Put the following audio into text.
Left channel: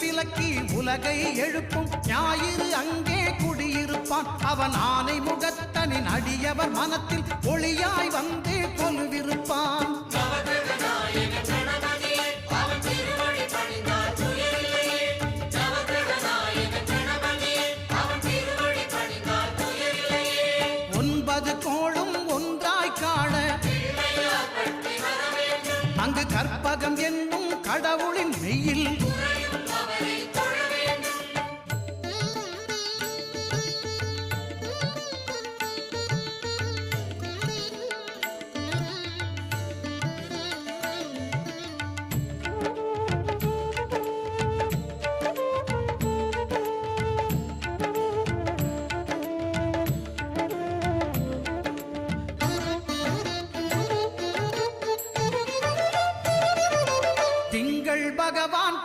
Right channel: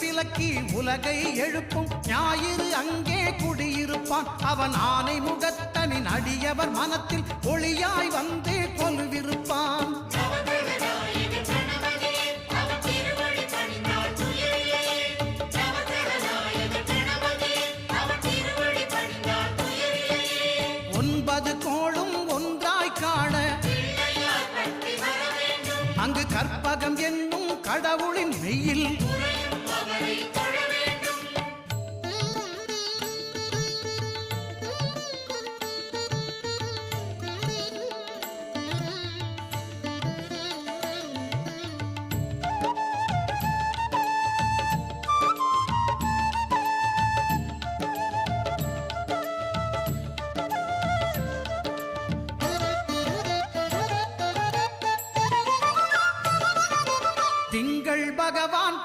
விலக்கி உலகை எழுப்பும் ஞாயிறு அங்கே குடியிருப்பான். அவன் ஆனை முகத்தனின் அடியவர் மனத்தில் ஒளியாய் வந்து கொலுவிருப்பான். ஒன்பது கோளும் ஒன்றாய் காண அங்கு கற்பகம் என்னும் கடவுளின் மெய்யில் திங்கள் பகவான்